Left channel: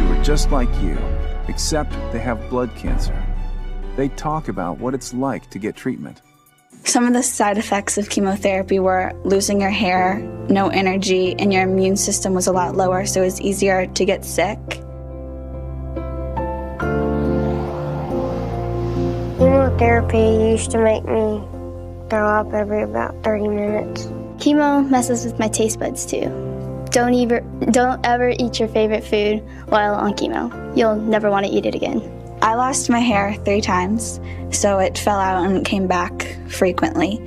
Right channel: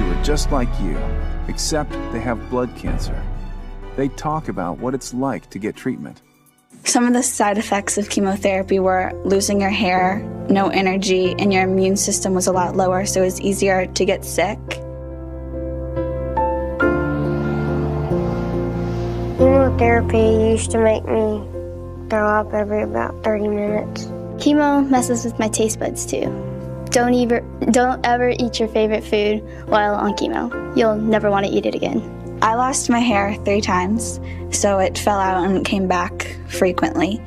who are just like you, except they have blood cancer. They talk about what it's like to get treatment. Some of the side effects of chemotherapy were losing your hair, no energy, and your immune system was a lot lower, so it was easier to get sick. Chemotherapy used to make me throw up every about 30 minutes. Chemo messes with my taste buds too. Don't ever eat your favorite food while on chemo. You'll never want to eat it again. I lost my hair 3 times, so it fell out and came back frequently.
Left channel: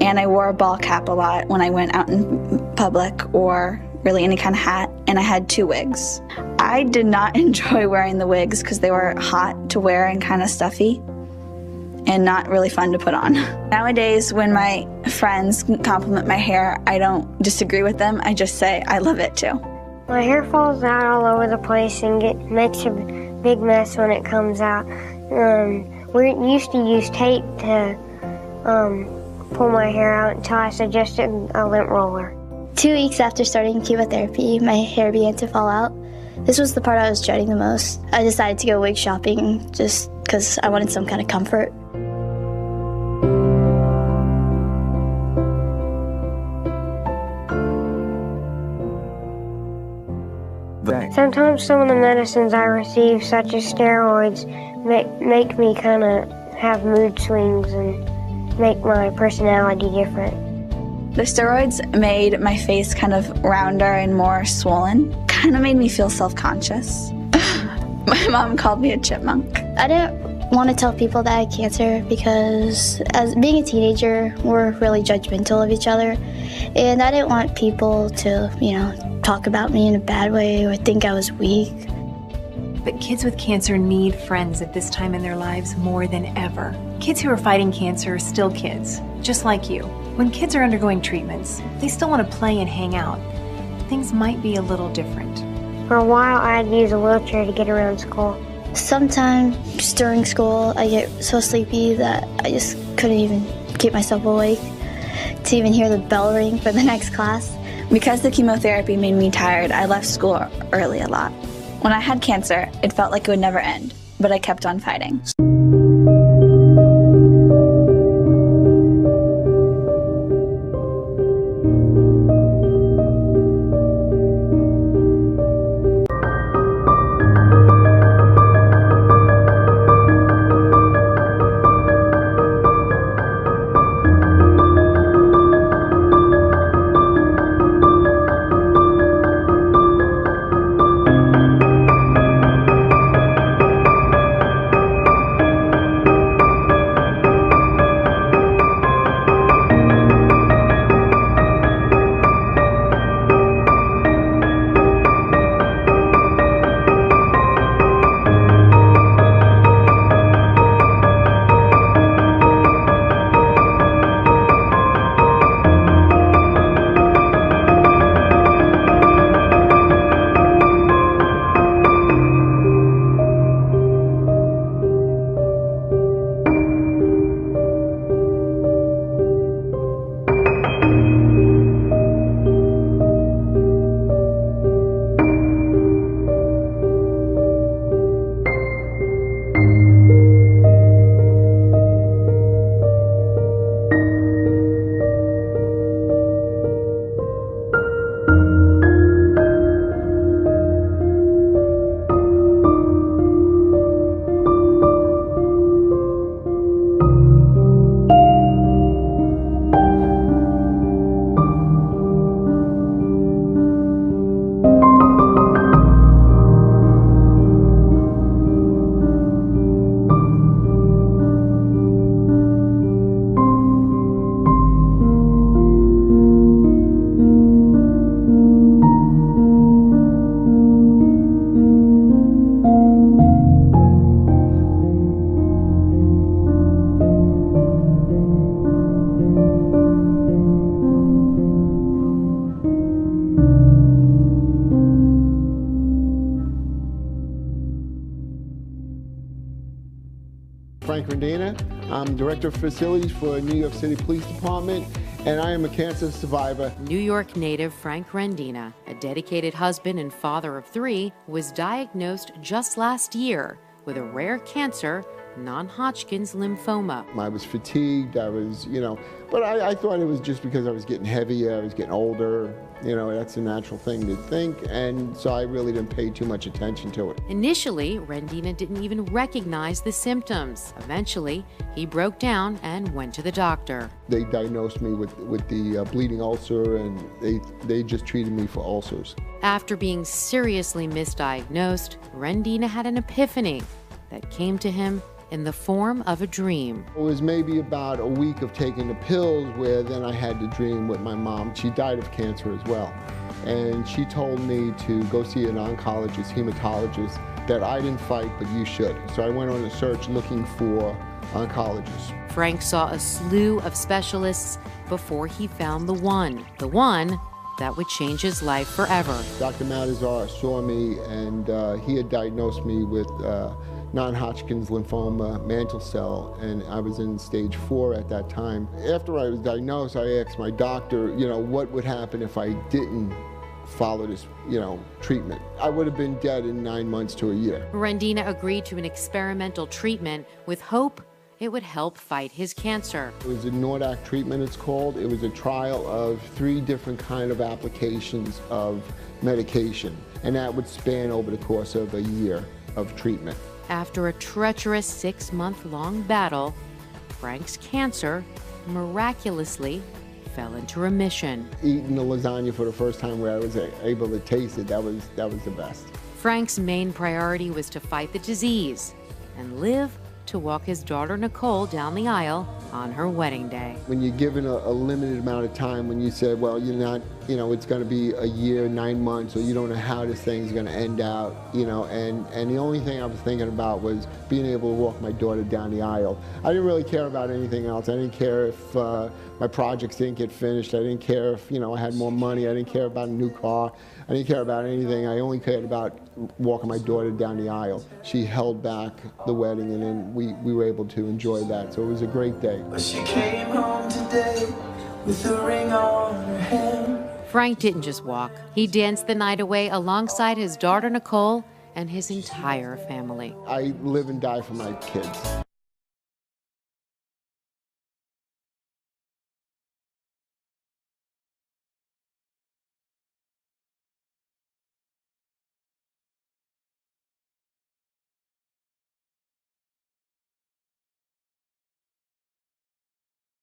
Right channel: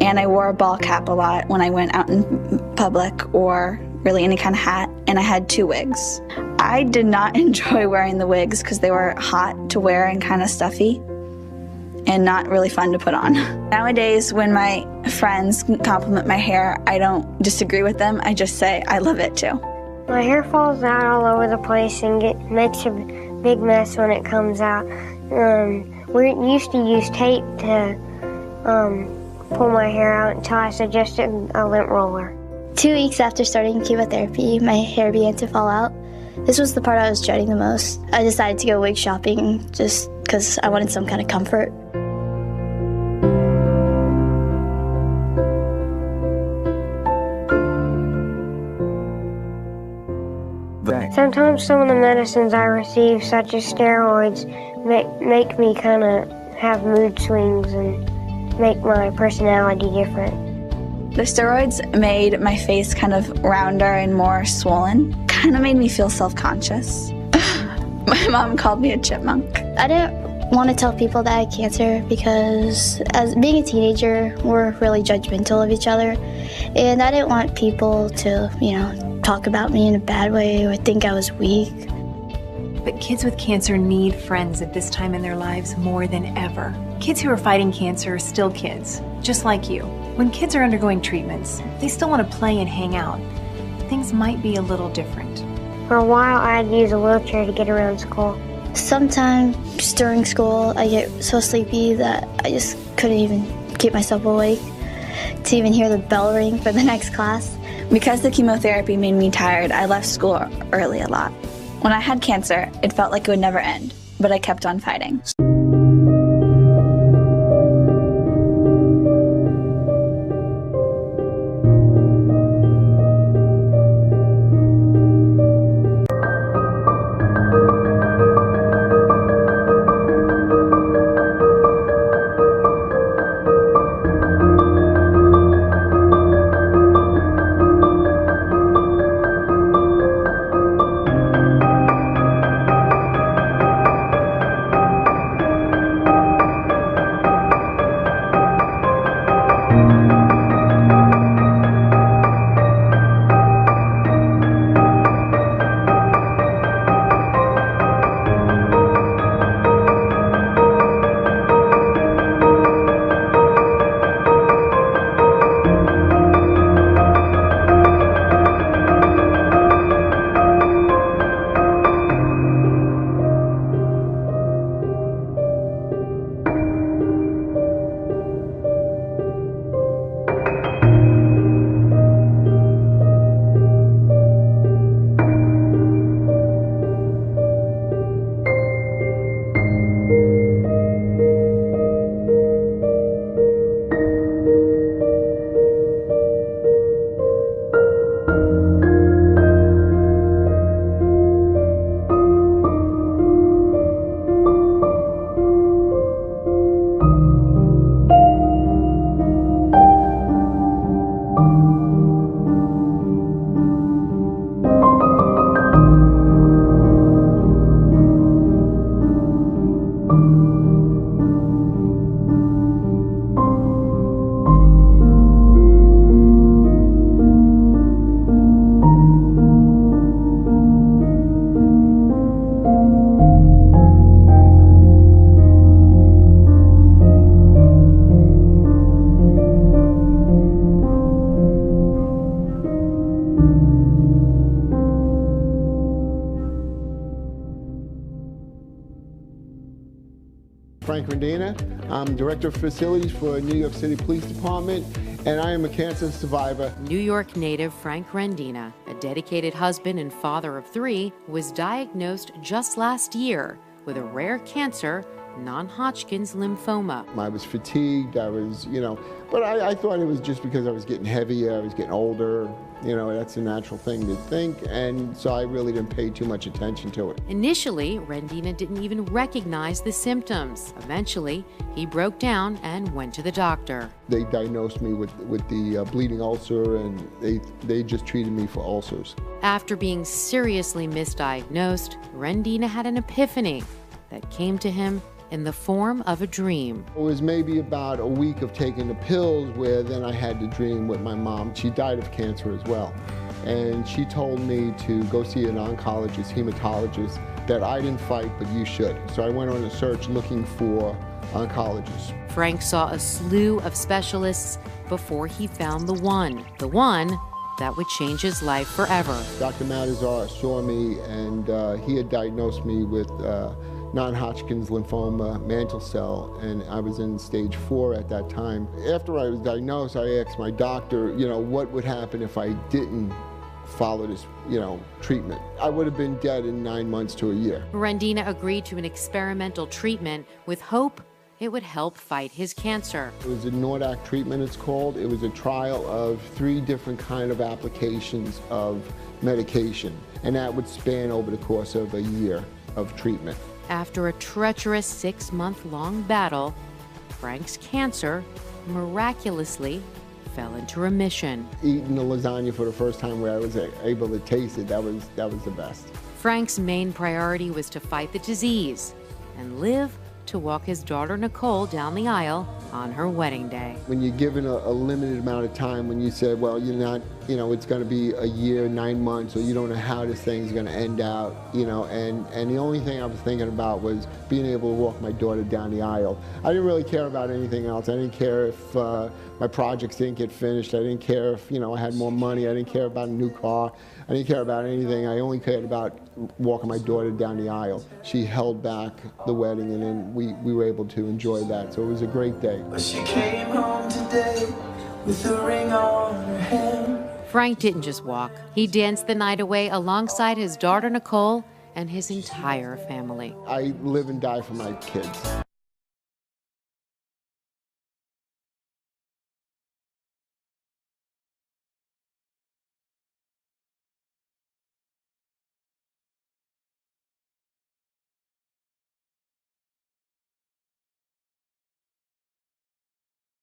And I wore a ball cap a lot when I went out in public or really any kind of hat, and I had 2 wigs. I did not enjoy wearing the wigs because they were hot to wear and kind of stuffy and not really fun to put on. Nowadays, when my friends compliment my hair, I don't disagree with them. I just say, I love it too. My hair falls out all over the place and makes a big mess when it comes out. We used to use tape to pull my hair out until I suggested a lint roller. 2 weeks after starting chemotherapy, my hair began to fall out. This was the part I was dreading the most. I decided to go wig shopping just because I wanted some kind of comfort. Sometimes some of the medicines I receive, such as steroids, make me kind of have mood swings and make my personality different. The steroids made my face kind of rounder and more swollen. Kind of made me feel self-conscious. My mom called me a chipmunk. I didn't want to tell people that I had cancer because as being a teenager, we're really judgmental of each other. And I didn't want people to, talk about me in a bad way or think I was weak. But kids with cancer need friends at this time in their lives more than ever. Kids who are fighting cancer are still kids, just like you. When kids are undergoing treatments, they still want to play and hang out. Things might be a little different. For a while, I'd use a wheelchair to get around school. Sometimes during school, I get so sleepy that I just couldn't even keep myself awake to even hear the bell ring for the next class. Because the chemotherapy made me tired, I left school early a lot. When I had cancer, it felt like it would never end, but I kept on fighting. Rendina. I'm Director of Facilities for New York City Police Department, and I am a cancer survivor. New York native Frank Rendina, a dedicated husband and father of 3, was diagnosed just last year with a rare cancer, non-Hodgkin's lymphoma. I was fatigued, but I thought it was just because I was getting heavier, I was getting older. That's a natural thing to think, and so I really didn't pay too much attention to it. Initially, Rendina didn't even recognize the symptoms. Eventually, he broke down and went to the doctor. They diagnosed me with the bleeding ulcer, and they just treated me for ulcers. After being seriously misdiagnosed, Rendina had an epiphany that came to him in the form of a dream. It was maybe about a week of taking the pills where then I had the dream with my mom. She died of cancer as well. And she told me to go see an oncologist, hematologist, that I didn't fight, but you should. So I went on a search looking for oncologists. Frank saw a slew of specialists before he found the one that would change his life forever. Dr. Matazar saw me, and he had diagnosed me with non-Hodgkin's lymphoma, mantle cell, and I was in stage 4 at that time. After I was diagnosed, I asked my doctor, what would happen if I didn't follow this, treatment. I would have been dead in 9 months to a year. Rendina agreed to an experimental treatment with hope it would help fight his cancer. It was a Nordac treatment, it's called. It was a trial of 3 different kind of applications of medication, and that would span over the course of a year of treatment. After a treacherous 6-month-long battle, Frank's cancer miraculously fell into remission. Eating the lasagna for the first time where I was able to taste it, that was the best. Frank's main priority was to fight the disease and live to walk his daughter Nicole down the aisle on her wedding day. When you're given a limited amount of time, when you say, well, you're not, it's going to be a year, 9 months, or you don't know how this thing's going to end out, and the only thing I was thinking about was being able to walk my daughter down the aisle. I didn't really care about anything else. I didn't care if my projects didn't get finished. I didn't care if, I had more money. I didn't care about a new car. I didn't care about anything. I only cared about walking my daughter down the aisle. She held back the wedding, and then we were able to enjoy that. So it was a great day. But she came home today with a ring on her hand. Frank didn't just walk. He danced the night away alongside his daughter Nicole and his entire family. I live and die for my kids.